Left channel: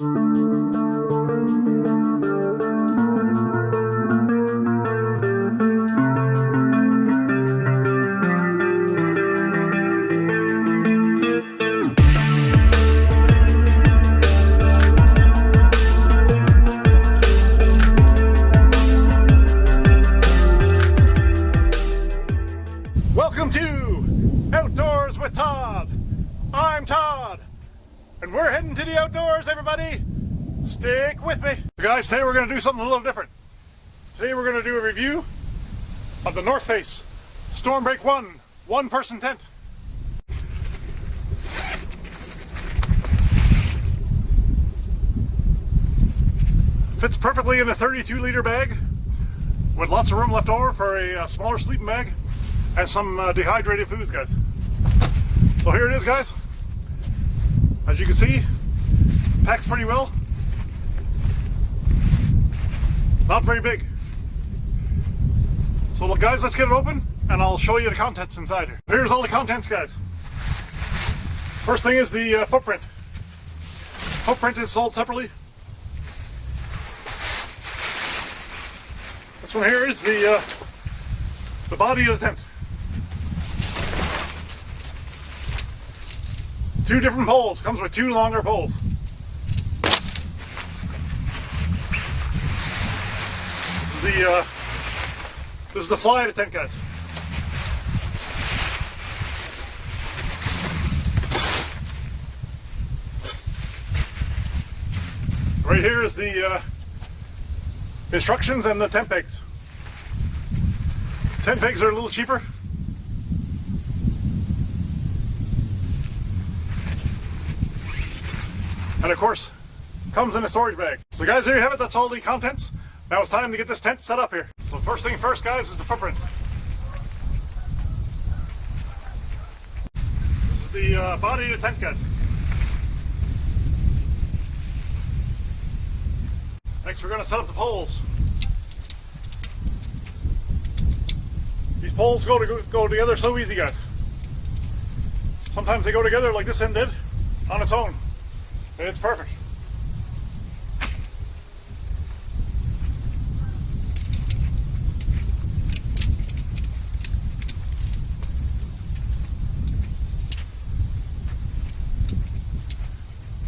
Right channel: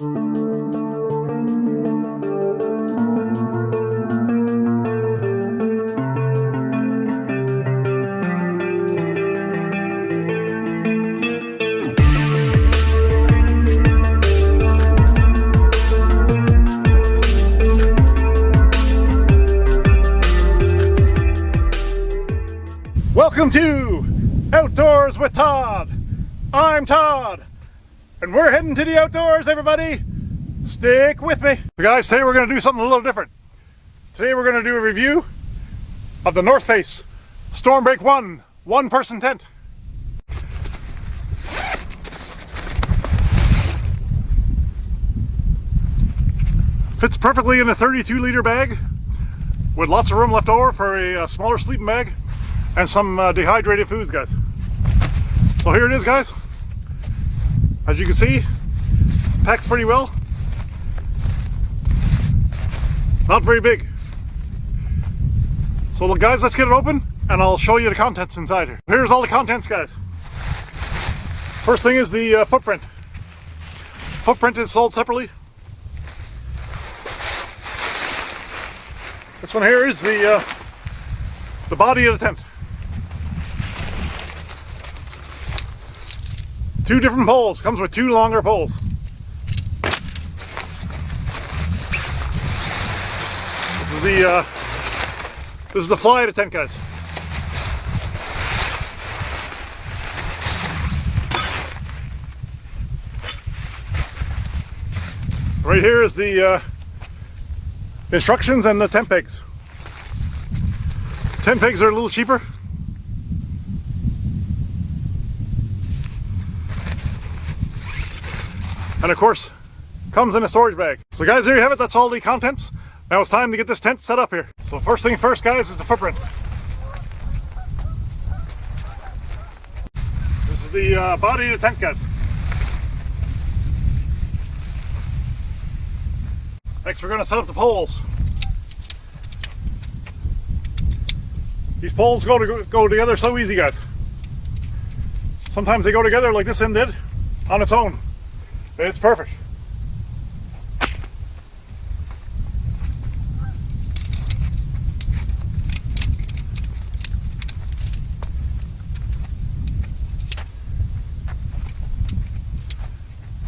Welcome to Outdoors with Todd. I'm Todd, and we're heading to the outdoors, everybody. Stick with me. So guys, today we're going to do something a little different. Today we're going to do a review of the North Face Stormbreak 1 one-person tent. Fits perfectly in a 32-liter bag with lots of room left over for a smaller sleeping bag and some dehydrated foods, guys. So here it is, guys. As you can see, packs pretty well. Not very big. So look, guys, let's get it open and I'll show you the contents inside here. Here's all the contents, guys. First thing is the footprint. Footprint is sold separately. This one here is the body of the tent. Two different poles. Comes with two longer poles. This is the fly of the tent, guys. Right here is the instructions and the tent pegs. Tent pegs are a little cheaper. And of course, comes in a storage bag. So guys, there you have it. That's all the contents. Now it's time to get this tent set up here. So first thing first, guys, is the footprint. This is the body of the tent, guys. Next, we're going to set up the poles. These poles go together so easy, guys. Sometimes they go together like this end did on its own. It's perfect.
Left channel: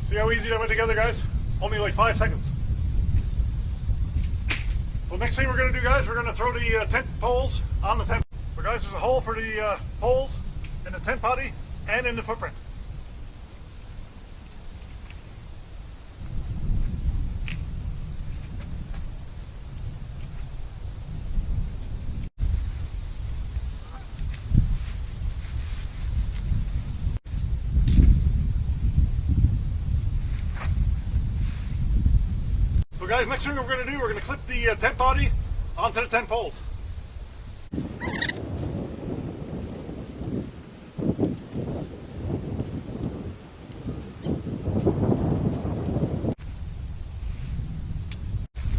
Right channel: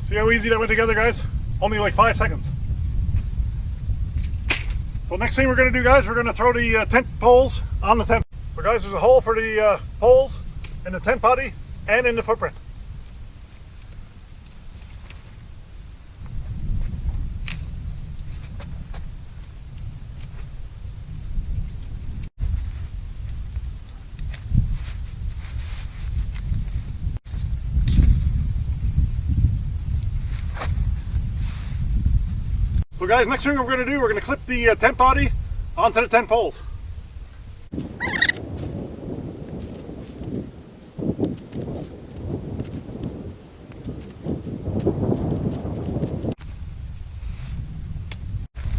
See how easy that went together, guys? Only like 5 seconds. So next thing we're going to do, guys, we're going to throw the tent poles on the tent. So guys, there's a hole for the poles in the tent body and in the footprint. So guys, next thing we're going to do, we're going to clip the tent body onto the tent poles.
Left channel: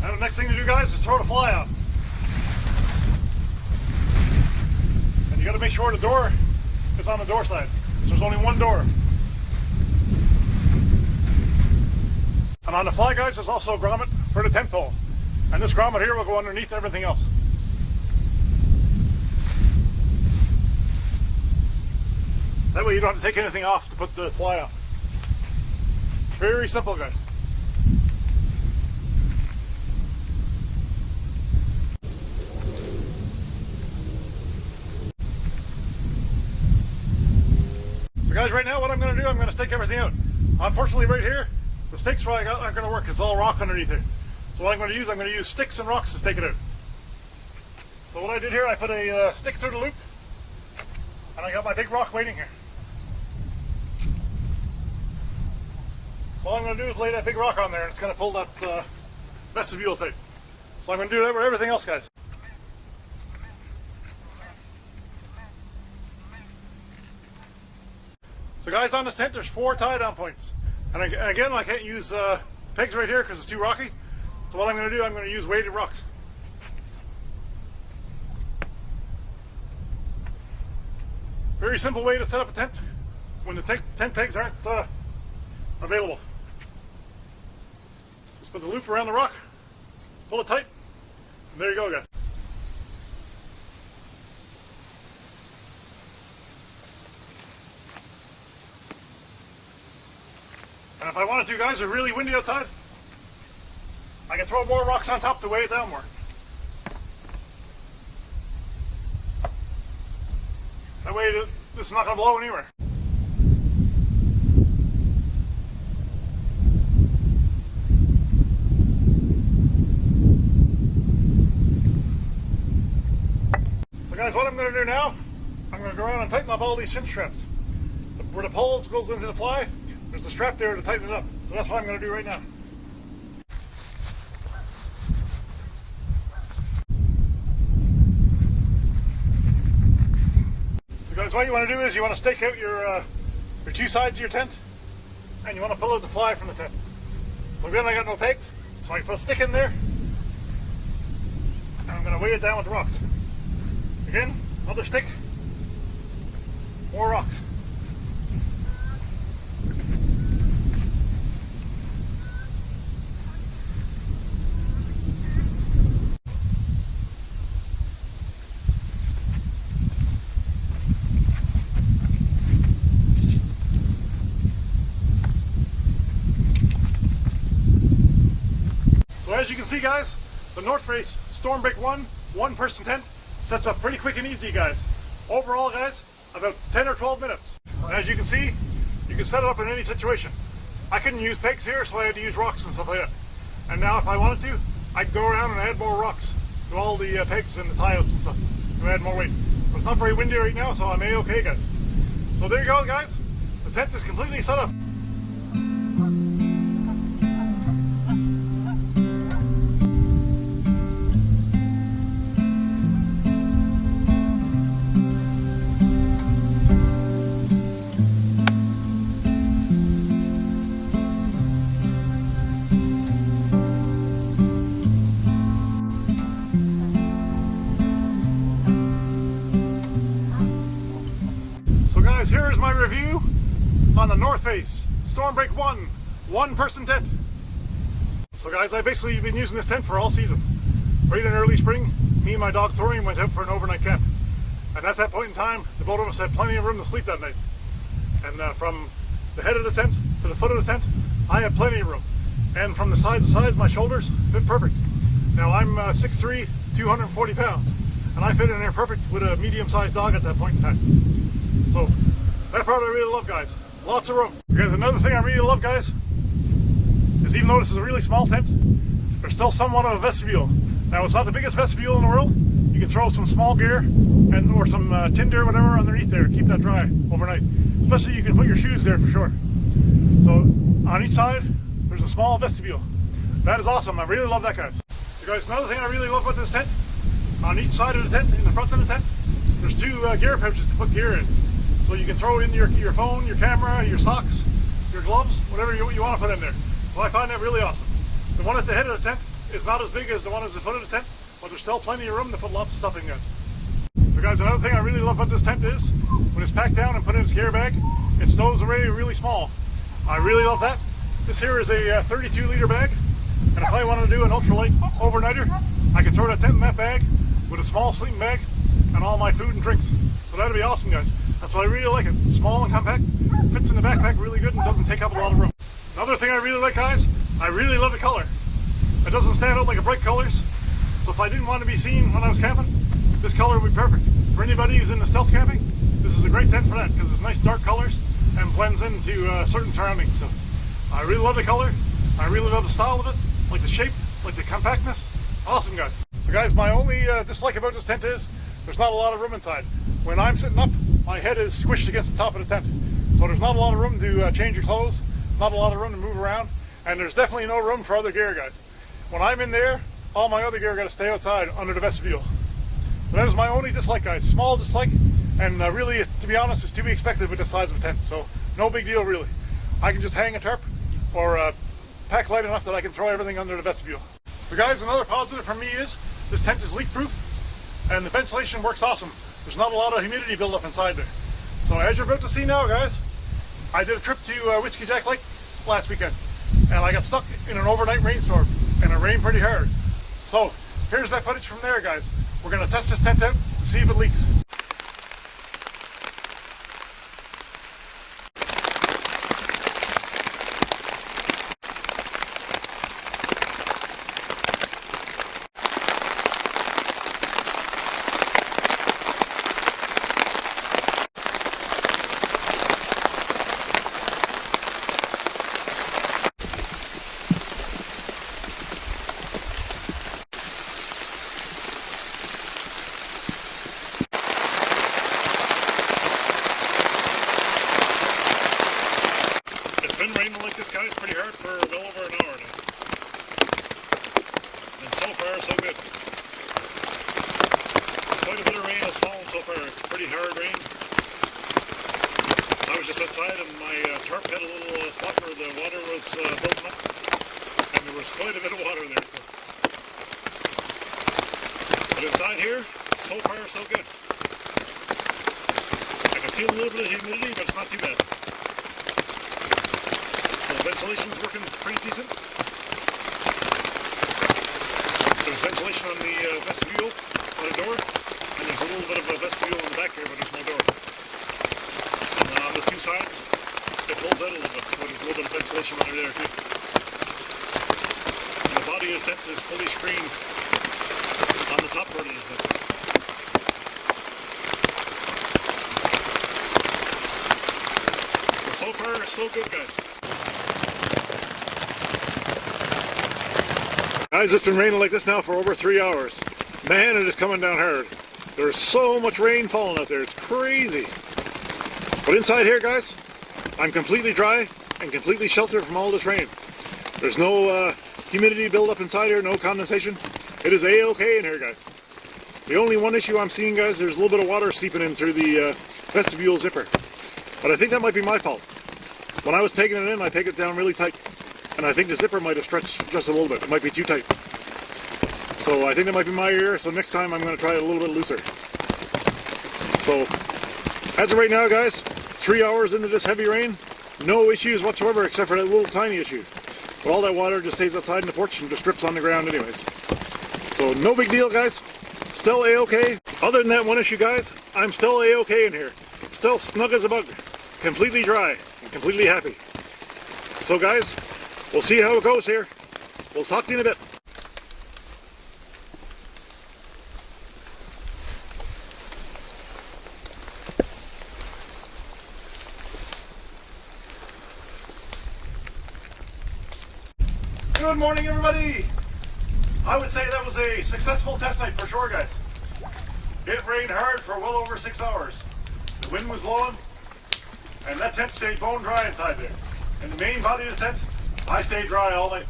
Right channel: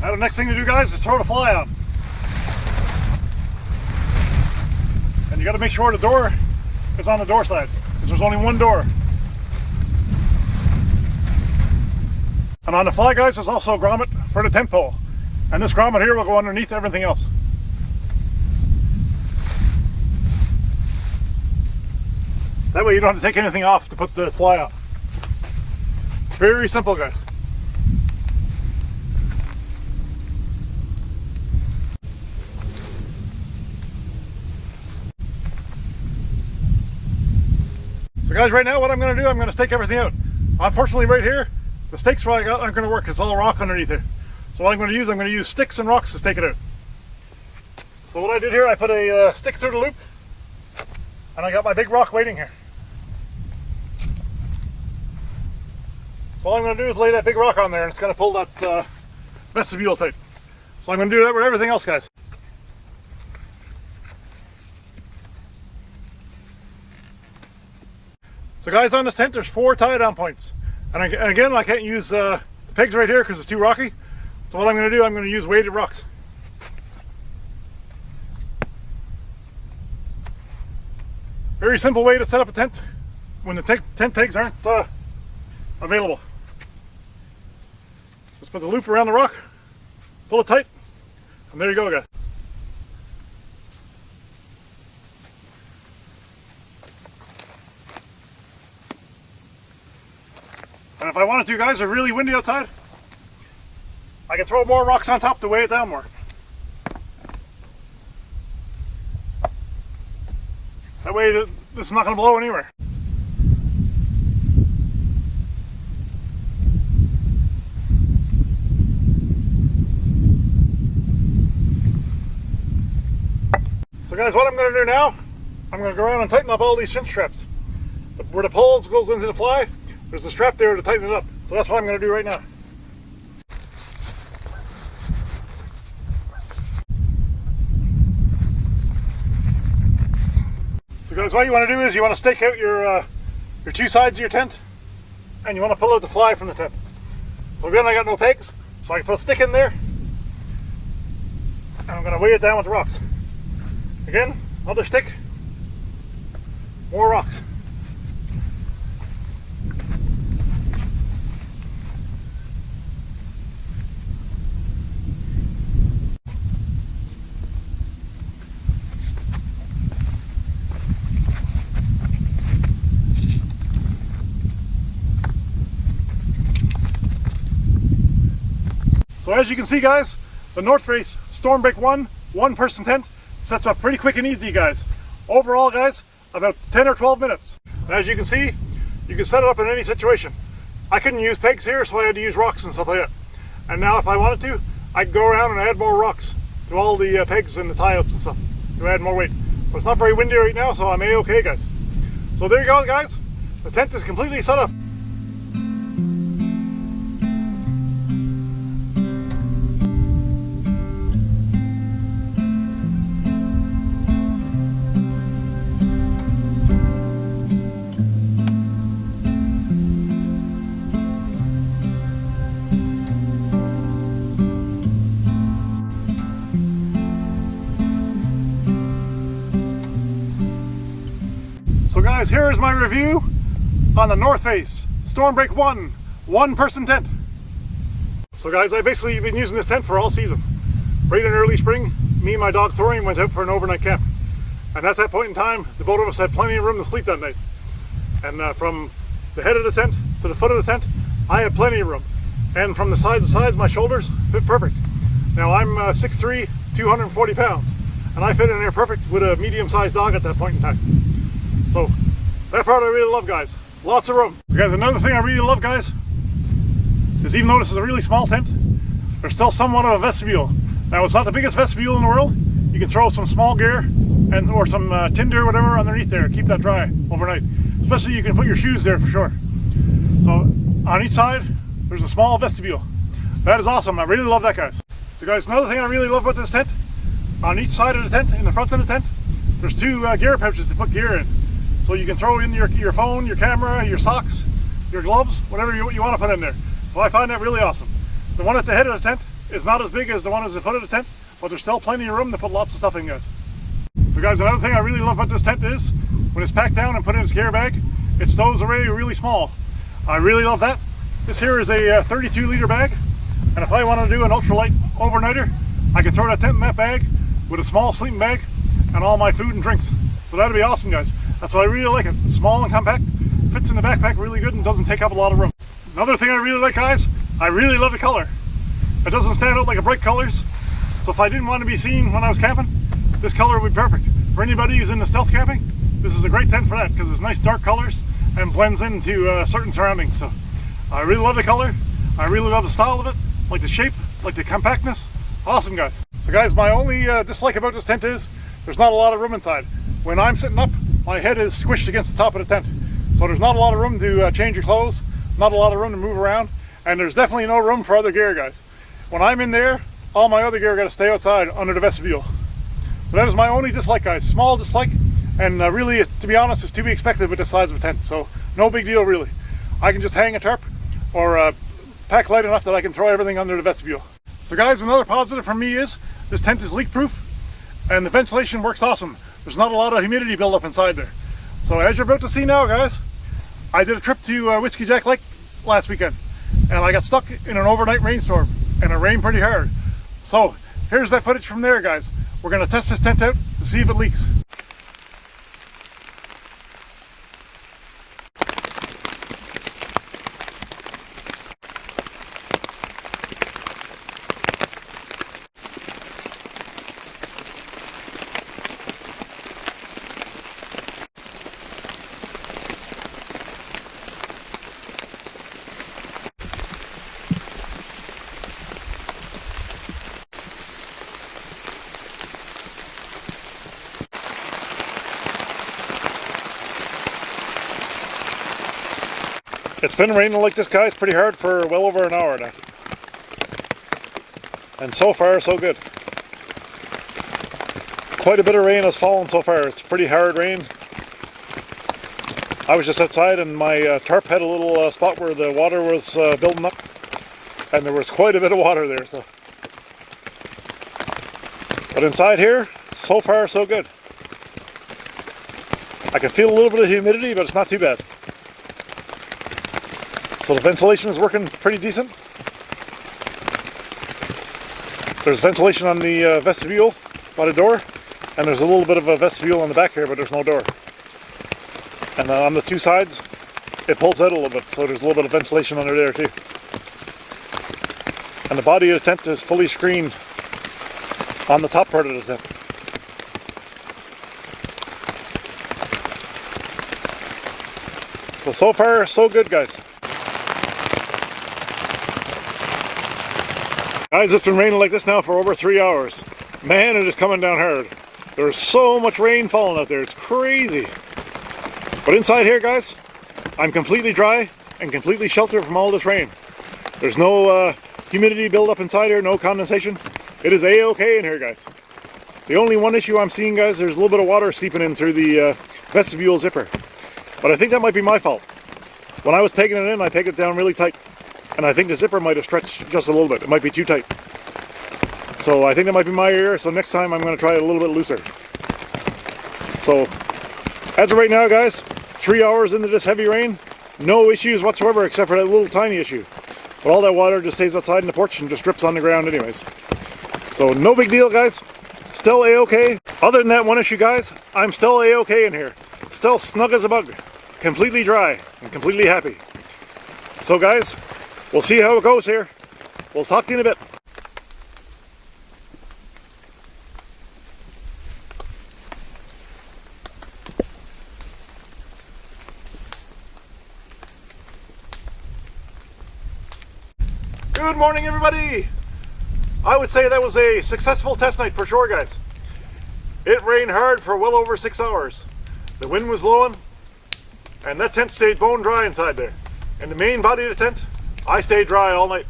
Now the next thing to do, guys, is throw the fly on. And you got to make sure the door is on the door side, because there's only one door. And on the fly, guys, there's also a grommet for the tent pole. And this grommet here will go underneath everything else. That way you don't have to take anything off to put the fly on. Very simple, guys. So guys, right now what I'm going to do, I'm going to stake everything out. Unfortunately, right here, the stakes I got aren't going to work. It's all rock underneath here. So what I'm going to use sticks and rocks to stake it out. So what I did here, I put a stick through the loop, and I got my big rock waiting here. So all I'm going to do is lay that big rock on there, and it's going to pull that vestibule type. So I'm going to do that with everything else, guys. So guys, on this tent, there's 4 tie-down points. And again, I can't use pegs right here because it's too rocky. So what I'm going to do, I'm going to use weighted rocks. Very simple way to set up a tent when the tent pegs aren't available. Just put the loop around the rock, pull it tight, and there you go, guys. And if I wanted to, guys, it's really windy outside, I can throw more rocks on top to weigh it down more. That way this is not going to blow anywhere. So guys, what I'm going to do now, I'm going to go around and tighten up all these cinch straps. Where the poles goes into the fly, there's a strap there to tighten it up. So that's what I'm going to do right now. So guys, what you want to do is you want to stake out your two sides of your tent, and you want to pull out the fly from the tent. So again, I got no pegs, so I can put a stick in there, and I'm going to weigh it down with the rocks. Again, another stick, more rocks. So as you can see, guys, the North Face Stormbreak 1 one-person tent sets up pretty quick and easy, guys. Overall, guys, about 10 or 12 minutes. And as you can see, you can set it up in any situation. I couldn't use pegs here, so I had to use rocks and stuff like that. And now if I wanted to, I could go around and add more rocks to all the pegs and the tie-ups and stuff to add more weight. But it's not very windy right now, so I'm A-okay, guys. So there you go, guys. The tent is completely set up. Here is my review on the North Face Stormbreak 1 one-person tent. So guys, I've basically been using this tent for all season. Right in early spring, me and my dog Thorium went out for an overnight camp. And at that point in time, the both of us had plenty of room to sleep that night. And from the head of the tent to the foot of the tent, I had plenty of room. And from the sides to sides, my shoulders fit perfect. Now I'm 6'3", 240 pounds. And I fit in there perfect with a medium-sized dog at that point in time. So that part I really love, guys. Lots of room. So guys, another thing I really love, guys, is even though this is a really small tent, there's still somewhat of a vestibule. Now it's not the biggest vestibule in the world. You can throw some small gear and or some tinder or whatever underneath there. Keep that dry overnight. Especially you can put your shoes there for sure. So on each side, there's a small vestibule. That is awesome. I really love that, guys. So guys, another thing I really love about this tent, on each side of the tent, in the front of the tent, there's two gear pouches to put gear in. So you can throw in your phone, your camera, your socks, your gloves, whatever you want to put in there. So I find that really awesome. The one at the head of the tent is not as big as the one at the foot of the tent, but there's still plenty of room to put lots of stuff in, guys. So guys, another thing I really love about this tent is, when it's packed down and put in its gear bag, it stows away really small. I really love that. This here is a 32 liter bag, and if I want to do an ultralight overnighter, I can throw that tent in that bag with a small sleeping bag and all my food and drinks. So that'd be awesome, guys. That's why I really like it. Small and compact, fits in the backpack really good and doesn't take up a lot of room. Another thing I really like, guys, I really love the color. It doesn't stand out like a bright colors. So if I didn't want to be seen when I was camping, this color would be perfect. For anybody who's into stealth camping, this is a great tent for that because it's nice dark colors and blends into certain surroundings. So I really love the color. I really love the style of it, like the shape, like the compactness. Awesome, guys. So guys, my only dislike about this tent is there's not a lot of room inside. When I'm sitting up, my head is squished against the top of the tent. So there's not a lot of room to change your clothes, not a lot of room to move around, and there's definitely no room for other gear, guys. When I'm in there, all my other gear got to stay outside under the vestibule. But that is my only dislike, guys. Small dislike, and really, to be honest, it's to be expected with the size of a tent. So no big deal, really. I can just hang a tarp or pack light enough that I can throw everything under the vestibule. So guys, another positive for me is this tent is leak proof and the ventilation works awesome. There's not a lot of humidity buildup inside there. So as you're about to see now, guys, I did a trip to Whiskey Jack Lake last weekend, and I got stuck in an overnight rainstorm, and it rained pretty hard. So here's that footage from there, guys. We're gonna test this tent out to see if it leaks. It's been raining like this, guys, pretty hard for well over an hour now. And so far, so good. Quite a bit of rain has fallen so far. It's pretty hard rain. I was just outside and my tarp had a little spot where the water was building up. And there was quite a bit of water there. So. But inside here, so far, so good. I can feel a little bit of humidity, but it's not too bad. So the ventilation is working pretty decent. There's ventilation on the vestibule by the door, and there's a little bit of a vestibule on the back here, but there's no door. And on the two sides, it pulls out a little bit, so there's a little bit of ventilation under there too. And the body of the tent is fully screened on the top part of the tent. So far, so good, guys. Guys, it's been raining like this now for over 3 hours. Man, it is coming down hard. There's so much rain falling out there, it's crazy. But inside here, guys, I'm completely dry and completely sheltered from all this rain. There's no humidity buildup inside here, no condensation. It is a-okay in here, guys. The only one issue I'm seeing, guys, there's a little bit of water seeping in through the vestibule zipper. But I think that might be my fault. When I was pegging it in, I pegged it down really tight. And I think the zipper might have stretched just a little bit. It might be too tight. So I think that might be my error. So next time I'm going to try it a little bit looser. So as of right now, guys, 3 hours into this heavy rain, no issues whatsoever except for that little tiny issue. But all that water just stays outside in the porch and just drips on the ground anyways. So no big deal, guys. Still a-okay. Other than that one issue, guys, I'm still a-okay in here. Still snug as a bug. Completely dry and completely happy. So guys, we'll see how it goes here. We'll talk to you in a bit. Good morning, everybody. I would say that was a successful test night for sure, guys. It rained hard for well over 6 hours. The wind was blowing, and that tent stayed bone dry inside there. In the main body of the tent, I stayed dry all night.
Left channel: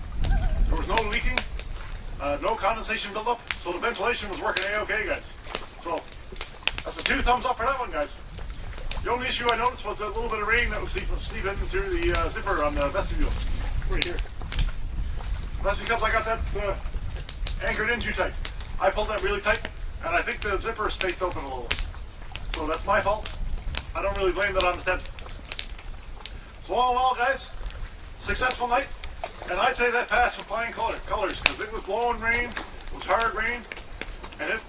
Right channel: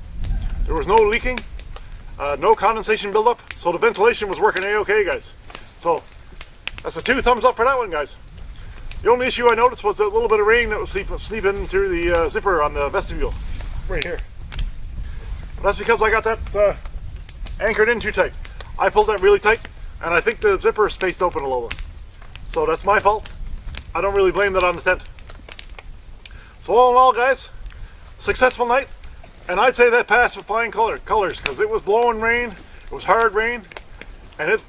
There was no leaking, no condensation buildup, so the ventilation was working a-okay, guys. So that's a 2 thumbs up for that one, guys. The only issue I noticed was a little bit of rain that was sleeping through the zipper on the vestibule, right here. That's because I got that anchored in too tight. I pulled that really tight, and I think the zipper spaced open a little. So that's my fault. I don't really blame that on the tent. So all in all, guys, successful night, and I'd say that passed with flying colors because it was blowing rain, it was hard rain, and it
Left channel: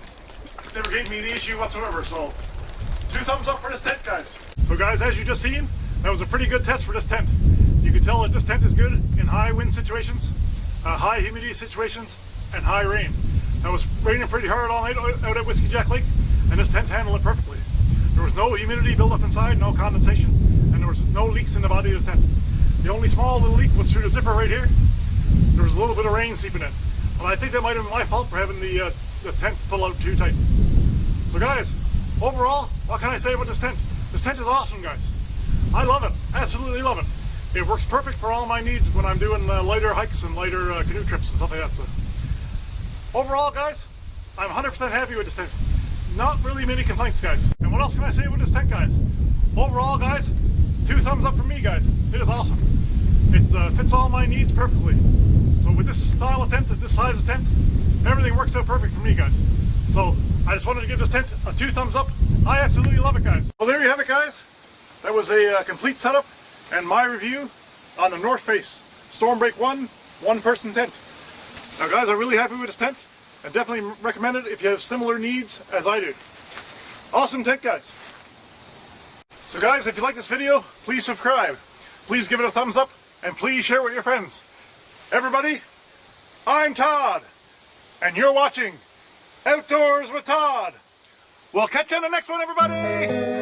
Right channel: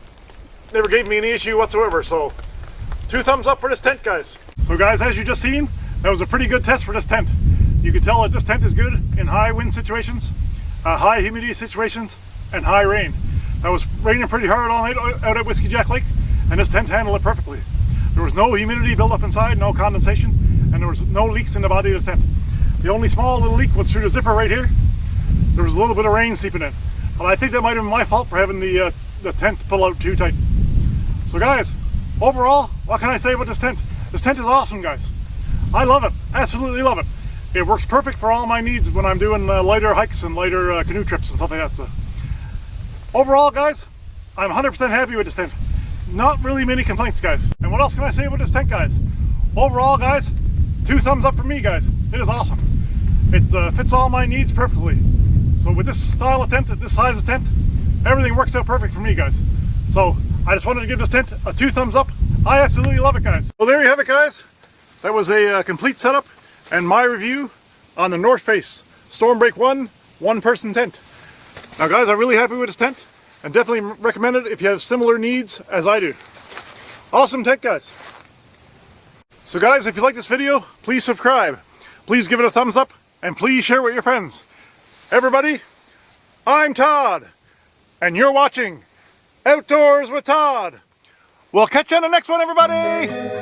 never gave me any issue whatsoever. So 2 thumbs up for this tent, guys. So guys, as you just seen, that was a pretty good test for this tent. You can tell that this tent is good in high wind situations, high humidity situations, and high rain. That was raining pretty hard all night out at Whiskey Jack Lake, and this tent handled it perfectly. There was no humidity buildup inside, no condensation, and there was no leaks in the body of the tent. The only small little leak was through the zipper right here. There was a little bit of rain seeping in. But I think that might have been my fault for having the tent pull out too tight. So guys, overall, what can I say about this tent? This tent is awesome, guys. I love it, absolutely love it. It works perfect for all my needs when I'm doing lighter hikes and lighter canoe trips and stuff like that. So overall, guys, I'm 100% happy with this tent. Not really many complaints, guys. And what else can I say about this tent, guys? Overall, guys, 2 thumbs up for me, guys. It is awesome. It fits all my needs perfectly. So with this style of tent, this size of tent, everything works out perfect for me, guys. So I just wanted to give this tent a 2 thumbs up. I absolutely love it, guys. Well, there you have it, guys. That was a complete setup and my review on the North Face Stormbreak 1, one-person tent. Now guys, I'm really happy with this tent and definitely recommend it if you have similar needs as I do. Awesome tent, guys. So guys, if you like this video, please subscribe. Please give it a thumbs up and please share with your friends. Everybody, I'm Todd and you're watching Outdoors with Todd. We'll catch you on the next one, everybody!